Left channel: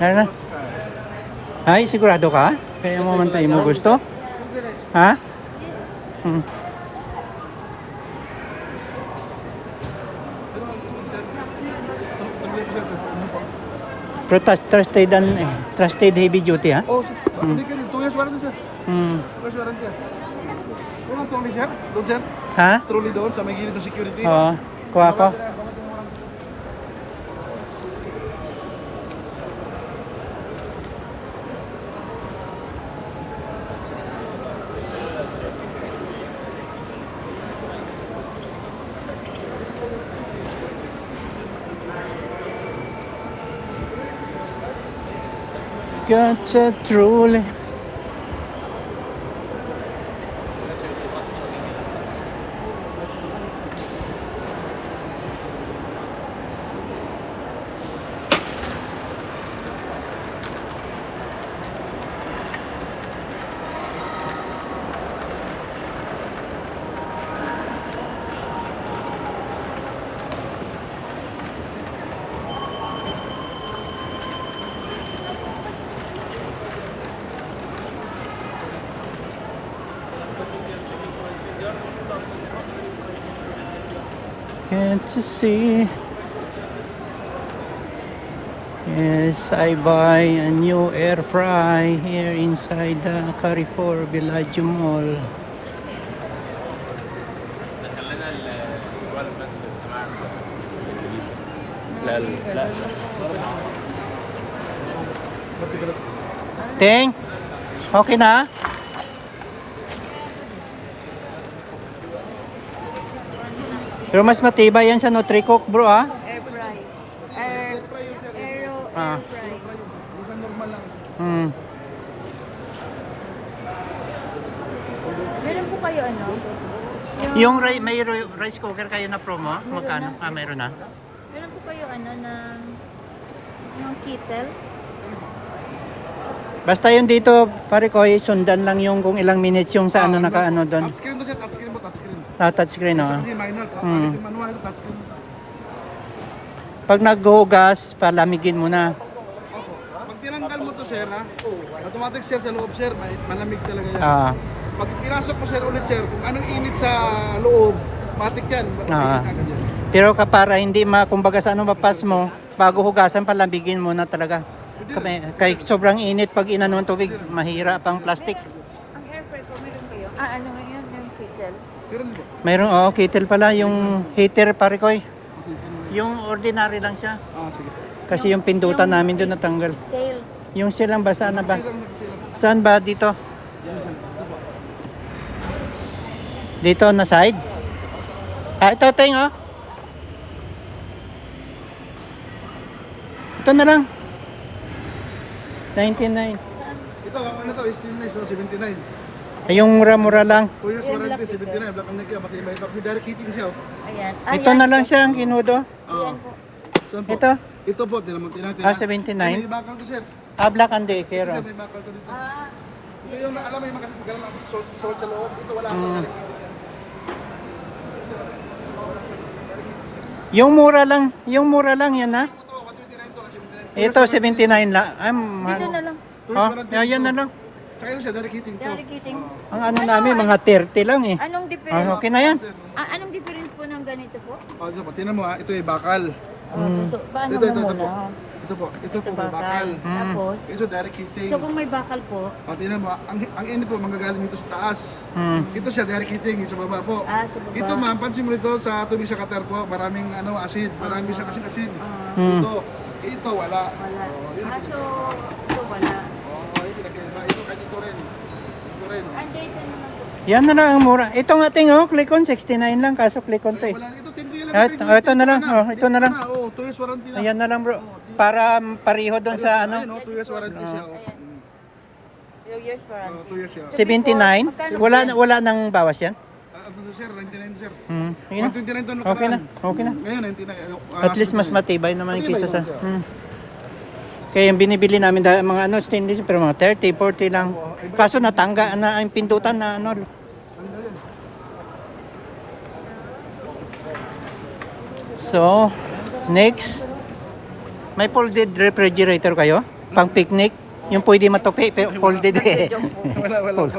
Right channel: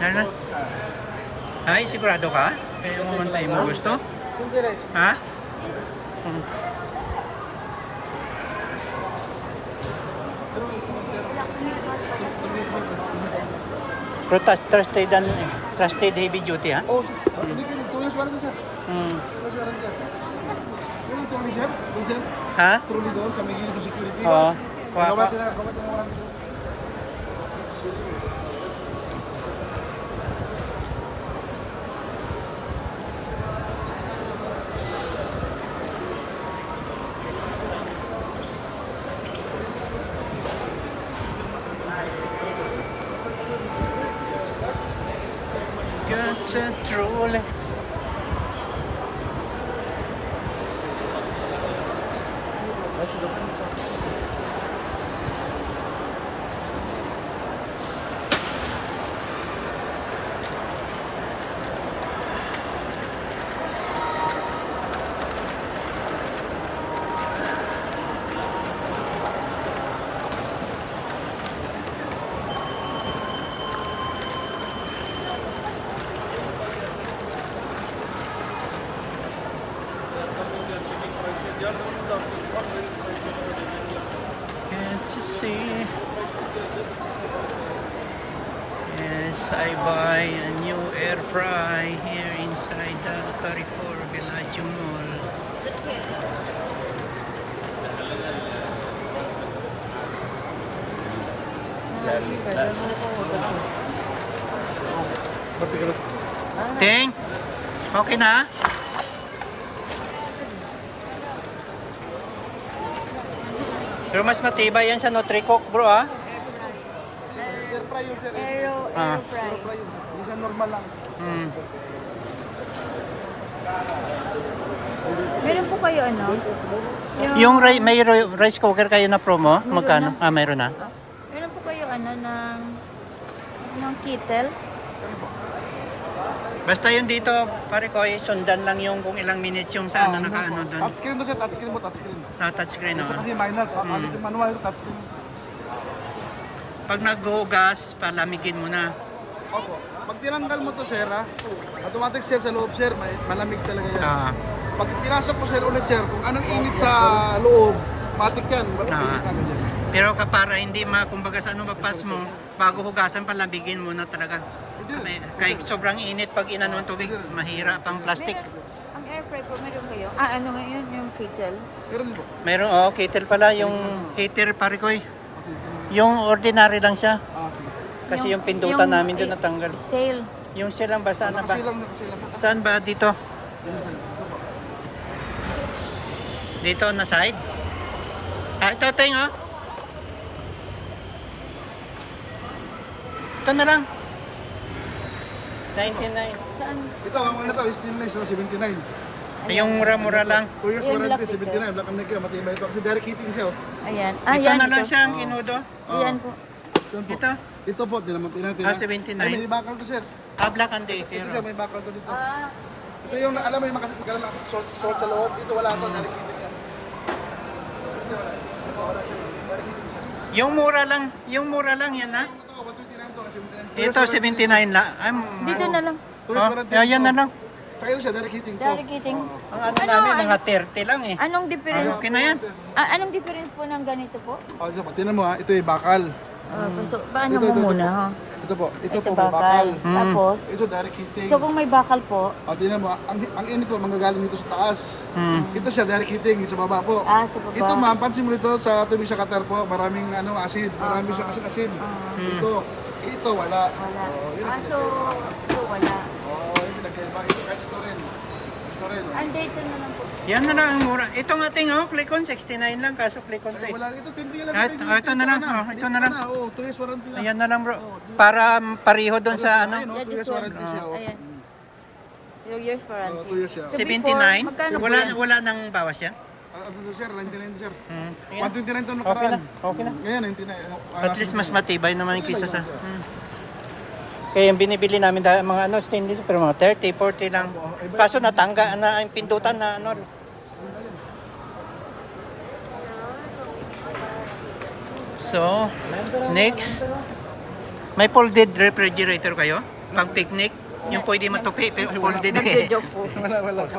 Ano? Ay, sigurado ka? Kaya mo man tayo mo gusto? Ha? Hmm. Pero trusted heavy duty, ha? Oh, hindi ka rin. 2 years warranty, sir. 2 years warranty. Walang trolley, sir. Doon, sir. Ha? Trolley doon sa may gilid ng security. Kuha ko. Got a truly. Can't you see? Yes, I buy a new air fry here inside the Carrefour Villaggio Mall. Ting, okay na? Pero mas matibay yan sa Nutricook, bro, ha? Air fry. Air fry yun, sir. Ah. Air fry. Hindi siya normal lang. Meron po kayo ano? Yung may rice cooker kayo na promo? Magkano? Ah, mayroon na. Meron po kayo ano ng kettle? Basta yun dito, pare ko, sundan lang yung kung ilang minutes yung sa ano naka-ano doon. Touchscreen to, sir. Touchscreen po, touchscreen. Touchscreen, no? Kasi minor. Bakit yung manual ito, touchscreen. Pag naghugas, palamigin mo na. Opo. Pag tinanggal mo to, sir, ha? Automatic, sir, sa loob, sir, malamig talaga yan. Ah. Pag pinasok mo, sir, ulit, sir, kung anong init sa loob, matik yan. Ah. Pero para hindi kumbaga sa ano mapas mo, bago hugasan, palamigin mo na talaga. Kay sobrang init pag inanon tubig, mahira pang plastic. Ang air fry po meron kayo? Ano ngayon yung kettle? Mayroon, kettle pala, yung heater, pare ko. Yung ordinary lang siya. Sige. Kasi yung pindutan namin doon natanggal. Sale. Yung silang ba, saan ba? Silang. Saan ba dito? Ito po. Dito na side? Ito, Teng, oh. Ito na lang. 99. Saan? Ito, ang ano to, stainless na 79. Yung mura-mura lang. 2 years warranty, 79. Black and neck yan, matibay ito. Kasi direct heating siya. Ayan. Ito na lang siya ang kinudo. Ayan po. Saan po? Ito? Ito po, tinaman. 79. May bakal to, sir. Black and Ito, Decker. sir, may bakal to dito. Ito yung, alam mo yung salt sa loob. Ito wala akong direct heating. Yung mura lang yan, ha? Ito, 129 to, 79. Ito 79 lang. Ay, Dito na lang. 2 years warranty. yan na lang. Saka yun siya, direct heating to. Direct heating. Ang ano namin, mga 30 lang eh. Anong difference? Okay na yan. Anong difference po ng ganito po? Ito po, tinan mo ha, ito yung bakal. So, paano Ito mo muna? po. Ha? Ito po, may bakal. Tapos, Ito direct heating. so kung may bakal po, Tinan mo, ang init po, manggagaling dito sa taas. Ito siya, direct heating, sa baba po. sa baba. Ito ma'am, pansin mo dito sa tubig sa Qatar po, maraming acid, marami siya kasing asin. Ito wala. Wala. Yun So wala. yung pinagkaiba. Ito rin. Ito rin. Ang date na lang. Yan na lang ang mura. Ito nga ting, Click-on 69 lang, kaso Click-on to eh. Wala, ito 10 lang. Ito na lang, ito na lang. 2 years warranty na. Ayan na lang bro. Para pareho doon sa ano. 2 years warranty siya. Ayan. 2 years for us. 2 years siya. 79? Wala nang bawas yan? Sir, 99 sir. Okay na. 129 to nakaraan. Okay na. Ngayon, 99. At least mas matibay naman yung kisa sa... Kaya yung binibili namin dahil mga stainless pero mga 30, 40 lang. Kaso natangga na yung pindutan na ano. So, next. May folded refrigerator kayo? Pang picnic. Yung pwede matupi, pero folded eh. Wala po.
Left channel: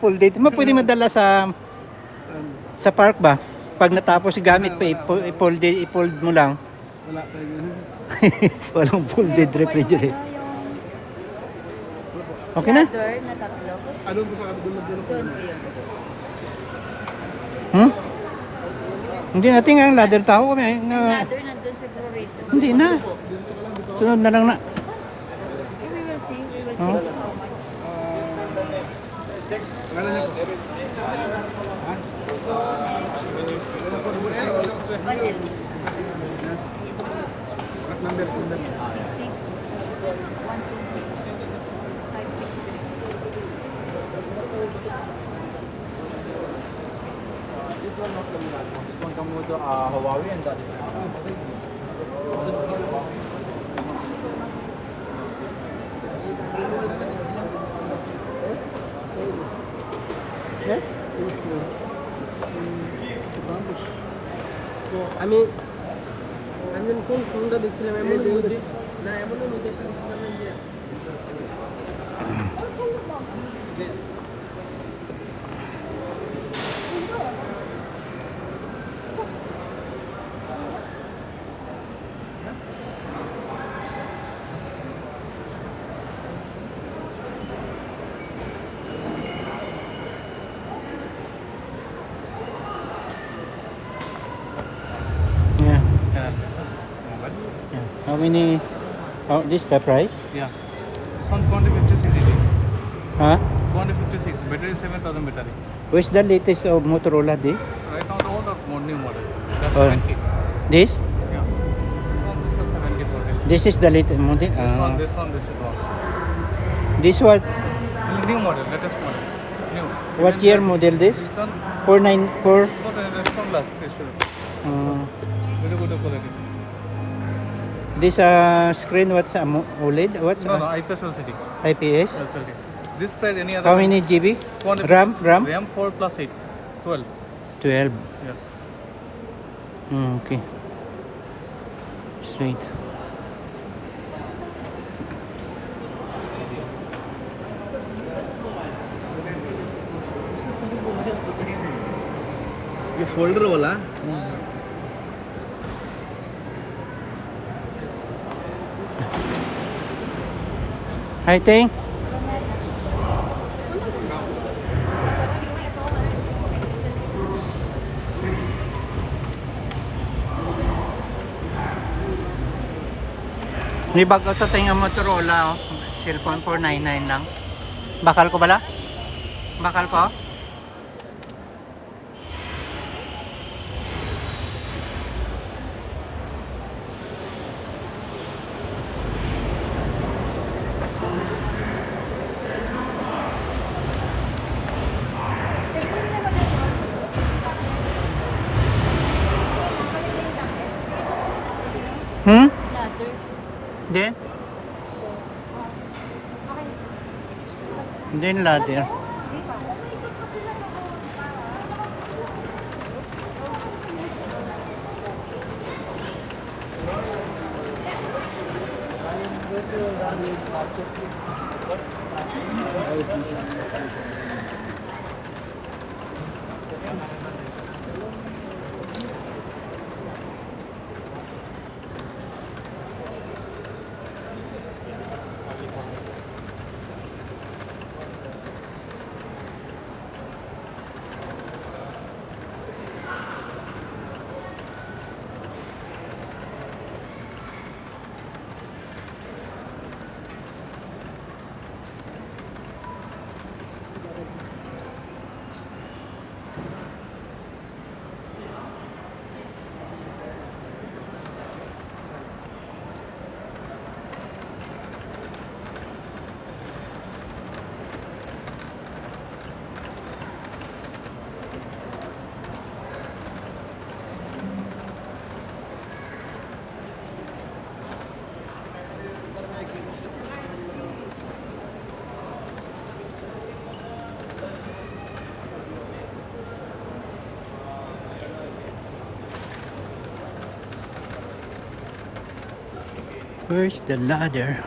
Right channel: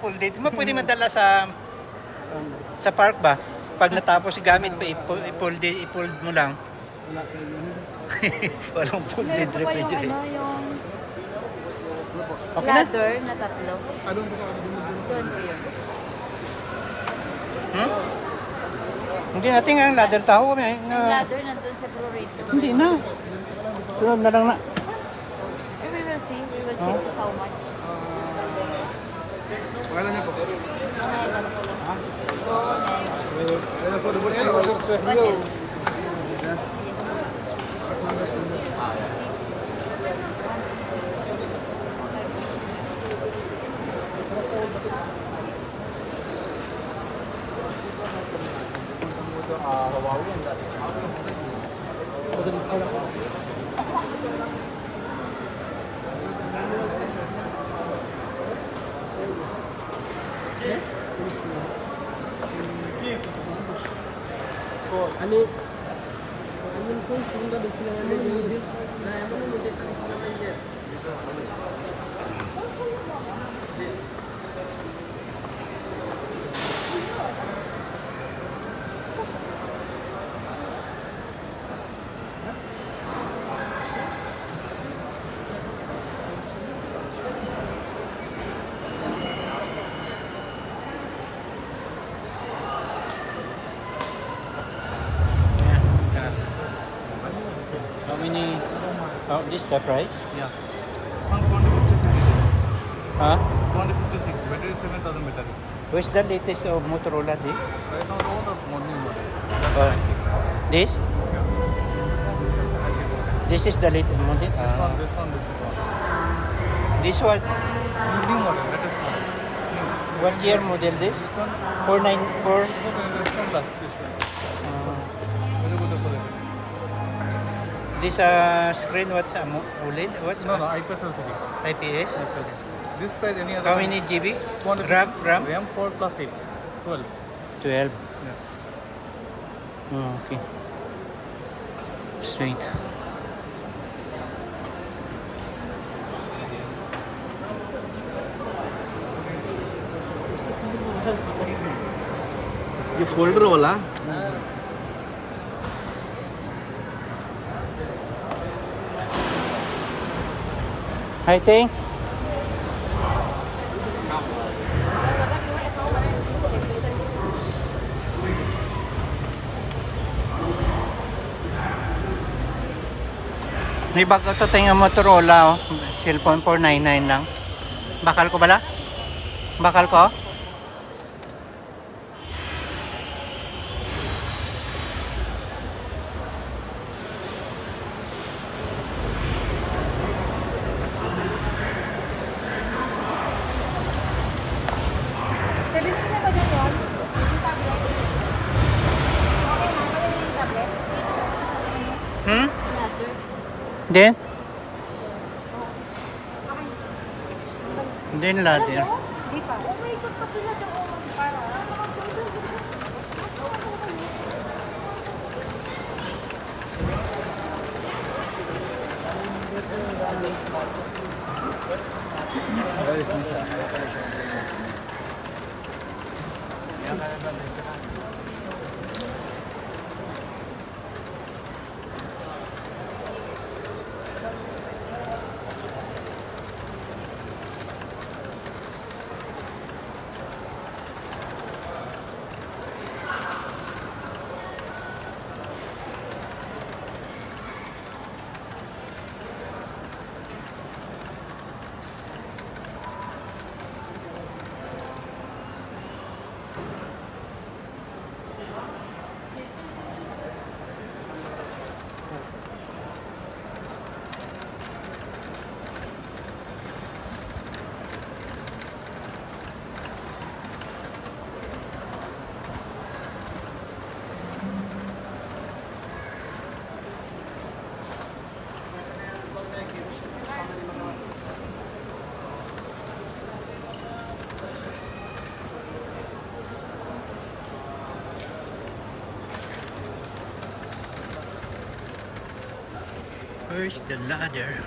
Folded. Pwede madala sa park ba? Pag natapos gamit pa, i-fold mo lang. Wala kayo yun. Walang folded refrigerator. Yung Okay na? ladder na tatlo. Ano po sa kadulog doon po yun? Huh? Hindi natin nga ladder tao kami. Yung ladder nandun sa Burrito. Hindi na. Sunod na lang na. We will see. We will check how much. Wala niyo po. Ha? Wala po rin sa Ano? number. 66 126 563. আমি একজন কোন ফোনটা দিচ্ছিলেন আমি যদি না এমনই মধ্যে একটা দিচ্ছিলাম How many? Oh, this the price? Yeah. Some 256. Huh? 256. Battery 7000 battery. Where's the latest of Motorola? This? I don't know the only model. This? Yeah. This is the latest model. This one, this one, this one. This what? New model, latest one. What year model this? 494. Good, this one last, this one. Very good quality. This screen what's OLED? What's No, IPS LCD. IPS? LCD. This price any other? How many GB? 256. RAM? RAM? RAM 4 plus 8. 12. 12. Yeah. Okay. Straight. ये फोल्डर वाला I think. May bago to tayong Motorola, oh. Cellphone 499 lang. Bakal ko bala? Bakal ko? Hmm? Ladder. Then? Then ladder. Where's the ladder?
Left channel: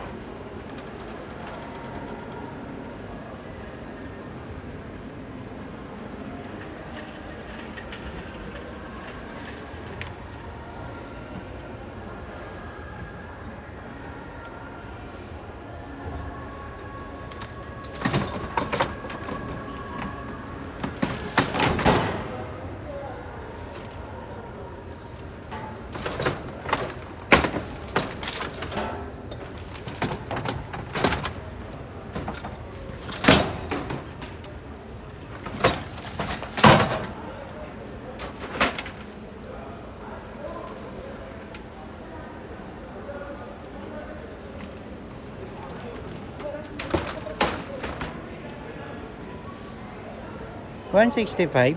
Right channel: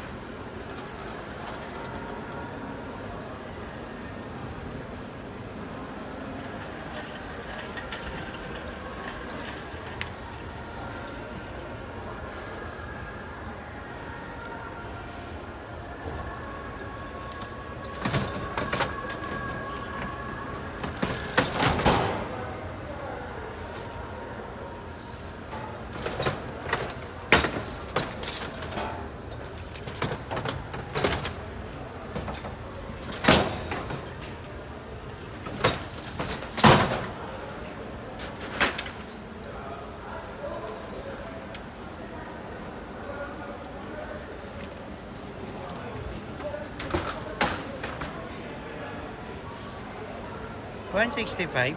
165.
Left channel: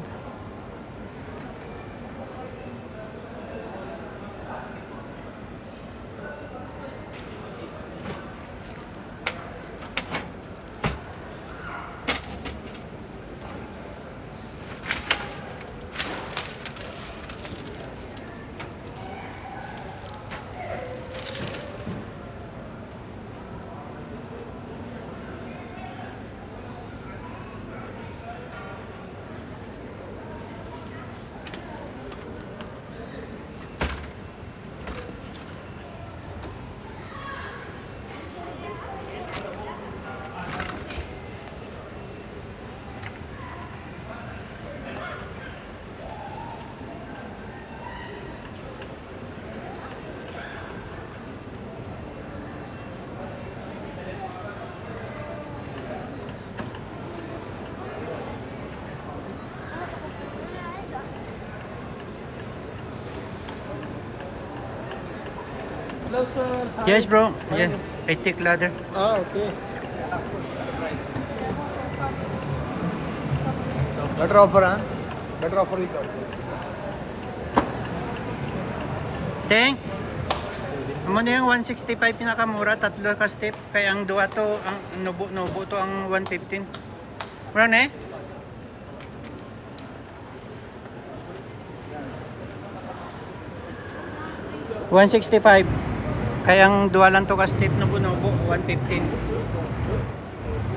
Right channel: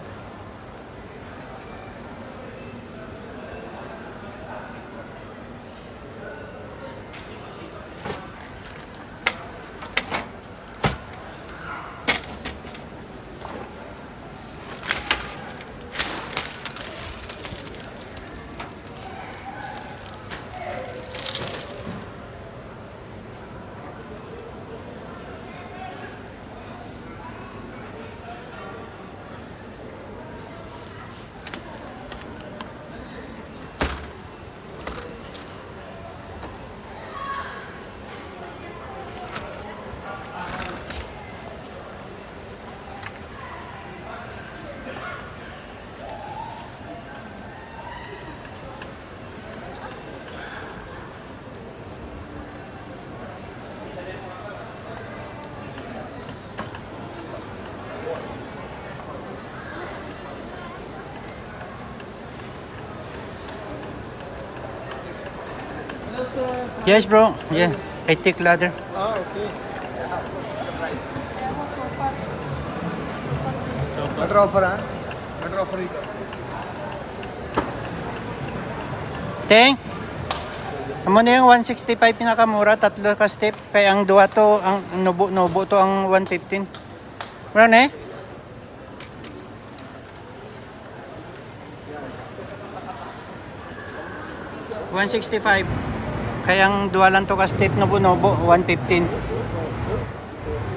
Hello, sir. Yes, bro. Yeah, I take ladder. Ah, okay. Butter offer, huh? Butter offer is Teng, amo na yung 165 pinakamura, tatlo ka step. Kaya ang duwa to, ang nubo to ang 115. Mura na eh? $165. Kaya ang duwa lang to ka step, nubo, 115.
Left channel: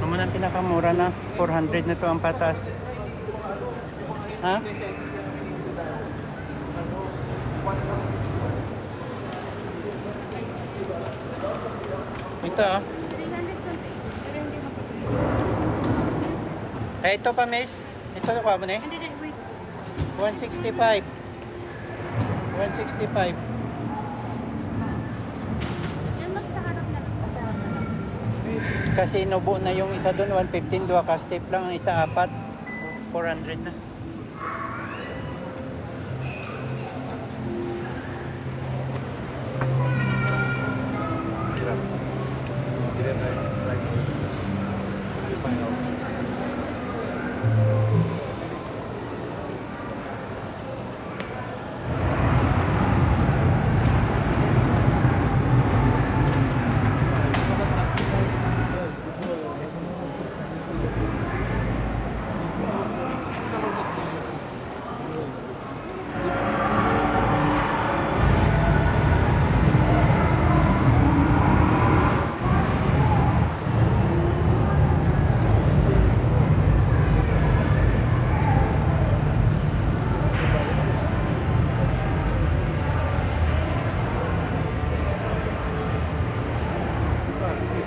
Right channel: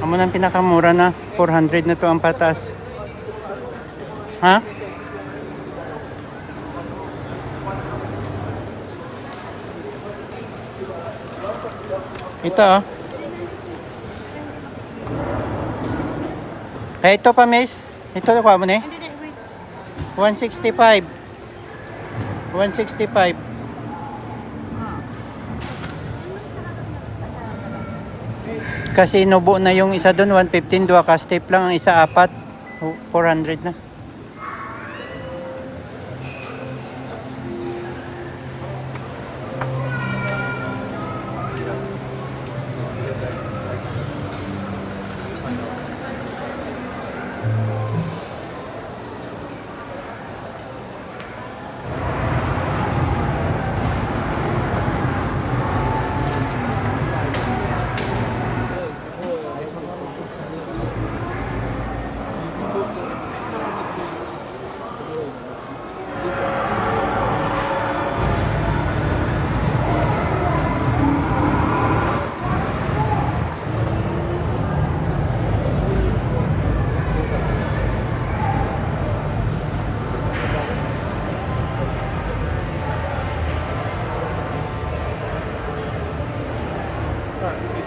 Amo na ang pinakamura na, 400 na to ang patas. Ha? Ito oh. Eh, ito pa, miss. Ito na mo na eh. 165. 165. Kasi nubo na yung isa doon, 115. Dua ka step lang. Ang isa, 4. 400 na.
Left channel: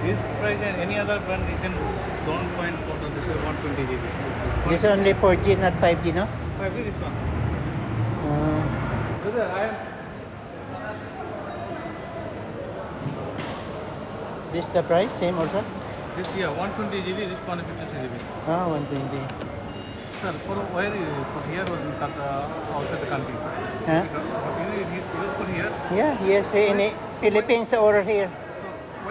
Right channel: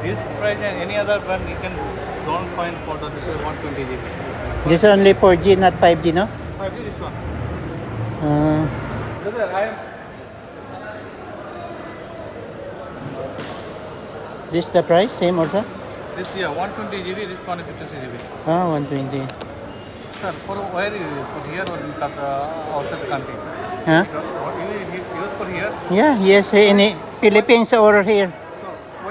this price and any other brand you can don't find for the this is 120 GB. This is only 4G, not 5G, no? 5G this one. Brother, I am This the price, same order? this here 120 GB, this 256 GB. Ah, 120. Sir, for where is this? For here or in outside the country? Huh? You use for here. Yeah, yes, in Philippines or here. So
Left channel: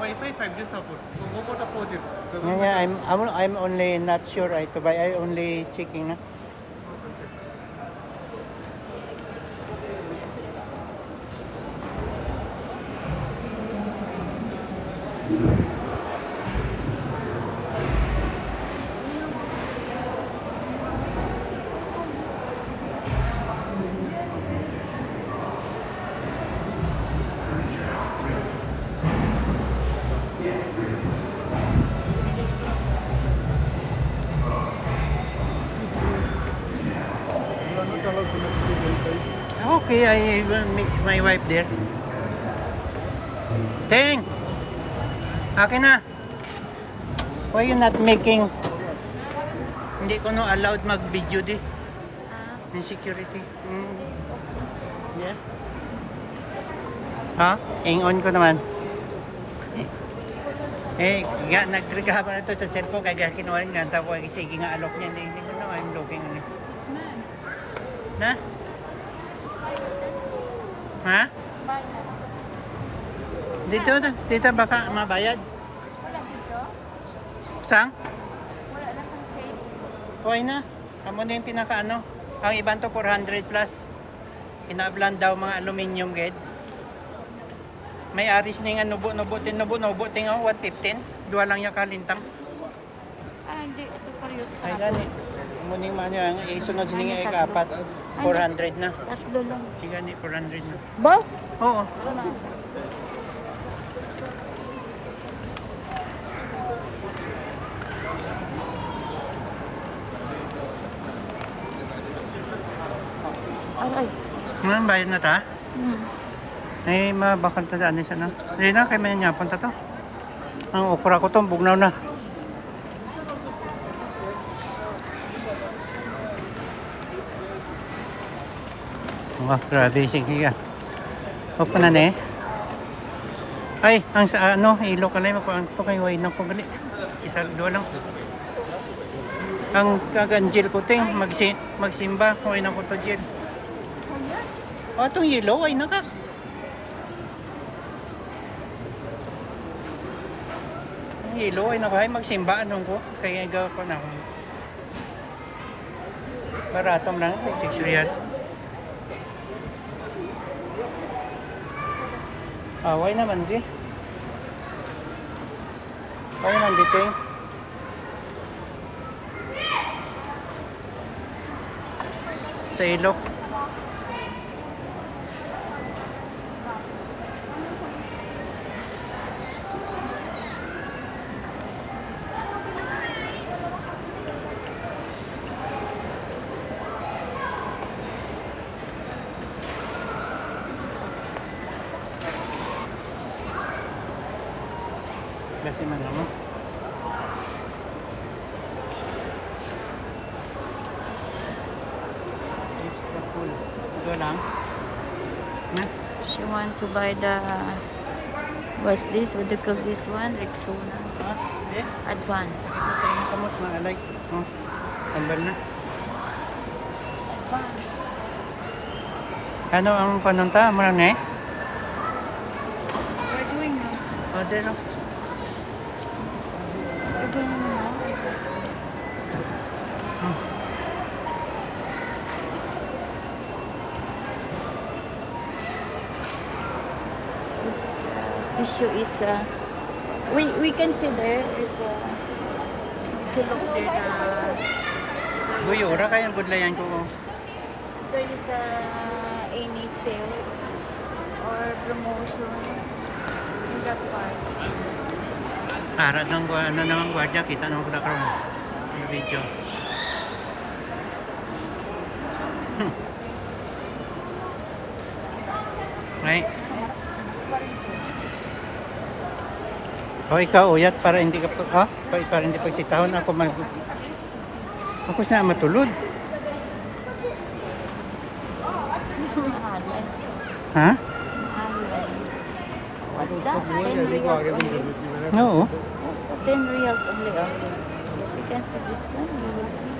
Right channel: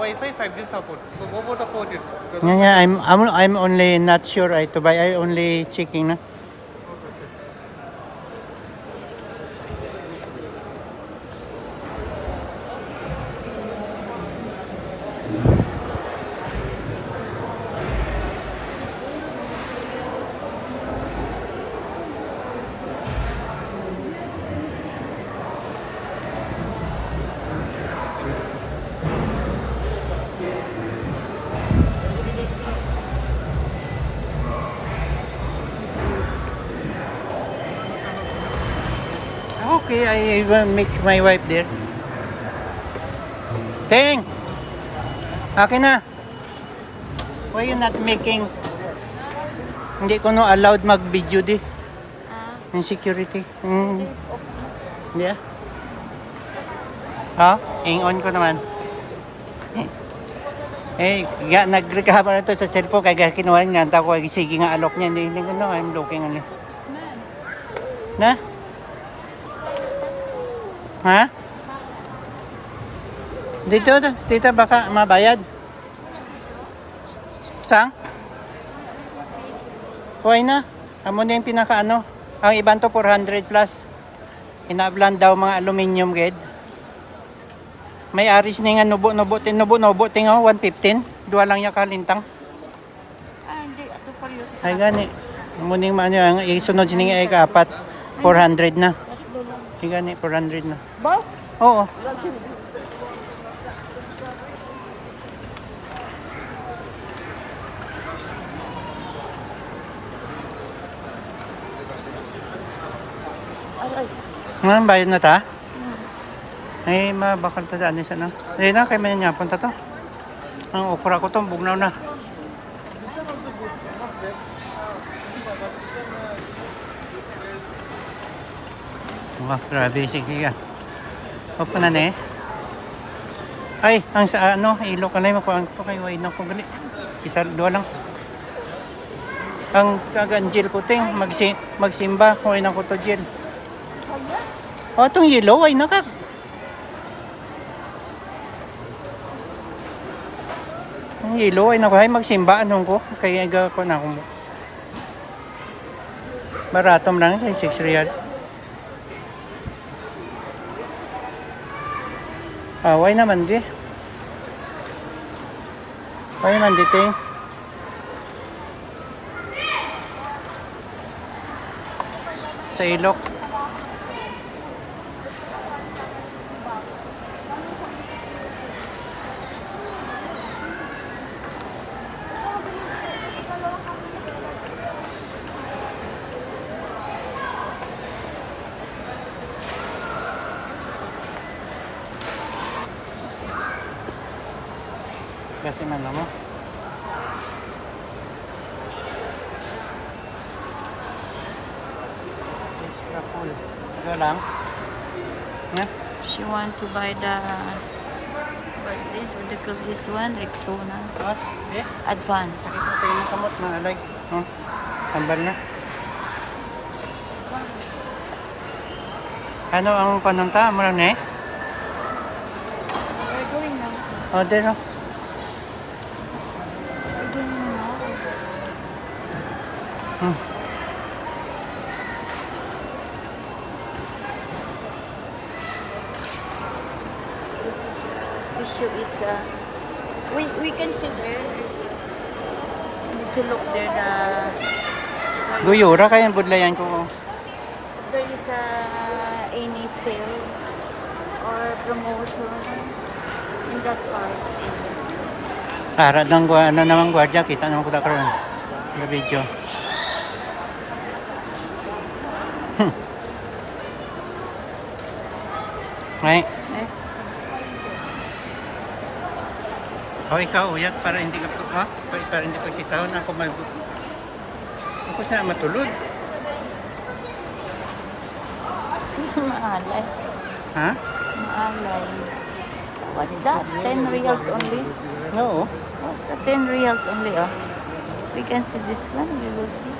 Wi-Fi 5G support. So go for the 4G. Yeah, I'm only not sure I to buy. I only checking na. Okay, I will make my wife there. Teng! Akin na. Why you not making? Hindi ko no allowed mag-video di. Yung security. Yeah. Ha? On ko naman. Nagreklamo na to sa cellphone kaya kinuha niya. Tapos sige nga alok niya. Hindi ko no, I'm looking on it. Na? Ha? Dito baka mabayad. Sang? Why na? Amo na yung pinaka ano. Ang iban to 400 plus. Inablan daw mga aluminium ged. May aris ni nga nubo-nubo 115. Duwa lang ya kalintang. Ah, hindi. Ito pa yun. Ay gani. Muning man yung isunod sining ay kapat 400 na. Tatlo lang. Ay gani 400 na. Bang? Oo. Bayad na ta? Ay, mabakal ta daan isa na. Ay na, kay man niya punta to. Ang okra ko to, bugnaw na. Wah, grabe, sige ka. Opo na ne. Ay, ang sa ano, ilo ka na yung makuhaan ko kay Wayne ko gali. Isa, dua lang. Ang kaganjil ko ting, magsimba, Wayne ko to jil. O, itong yellow, ay naka. Ang yellow, ay naka, ay magsimba, anong ko. Kaya aga ko na akong. Baratom lang, 6 real. Away naman di. Away naman di ting. Sa ilok. Kasi na naman. Extra full. Ito lang. Yeah. She want to buy the... What's this? What do you call this one? Rexona. Ah, eh. Advance. Ito yung kamot na like. Tanggal na. Ano ang panunta? Mura na eh? We're going now. O, din o. We're going now. This issue is... we can see there. To look there Guyura kayang budlayan ko. there is any sale or promotion in that part. Para ng ano namang gwardiya, kita naman ko da karon. Sa video. Right. O ikaw, uyat para hindi ka para hindi pagsitahon ako Ako na matulog. Ha? What's that? 10 reals only. Oo. What's the 10 reals only? Oh. We can see this one. You will see.